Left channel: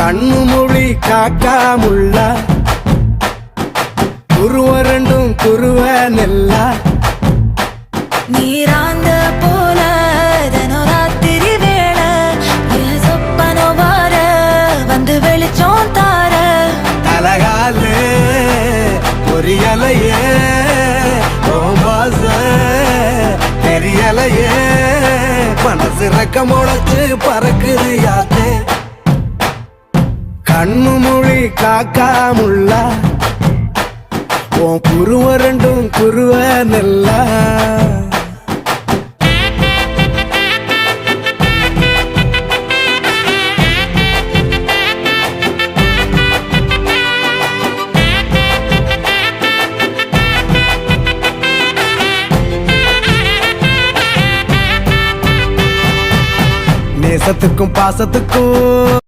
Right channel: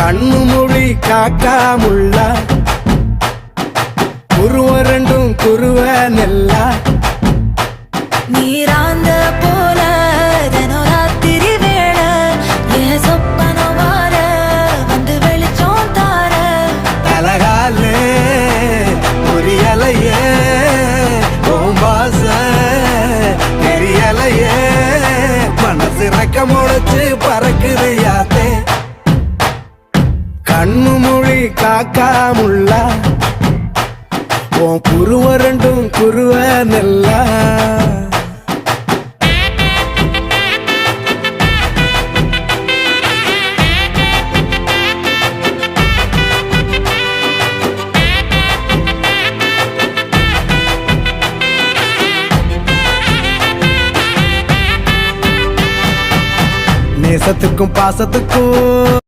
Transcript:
கண்ணு மொழி காக்காமுள்ள குருவ ரெண்டும் குருவ நெல்லா நீராங்க போல தினராத்திரி வேளை என் சொப்பனம் மாற வந்து வெளிச்சம் தார தலகாலே பொரியலையே ஓம்பாச பெரியலையே மனசு ரக்க முளைச்சு பறக்குது யாத்தே கண்ணு மொழி காக்காமுள்ள உன் குருவ ரெண்டும் குருவ நெல்லா நேசத்துக்கும் பாசத்துக்கும்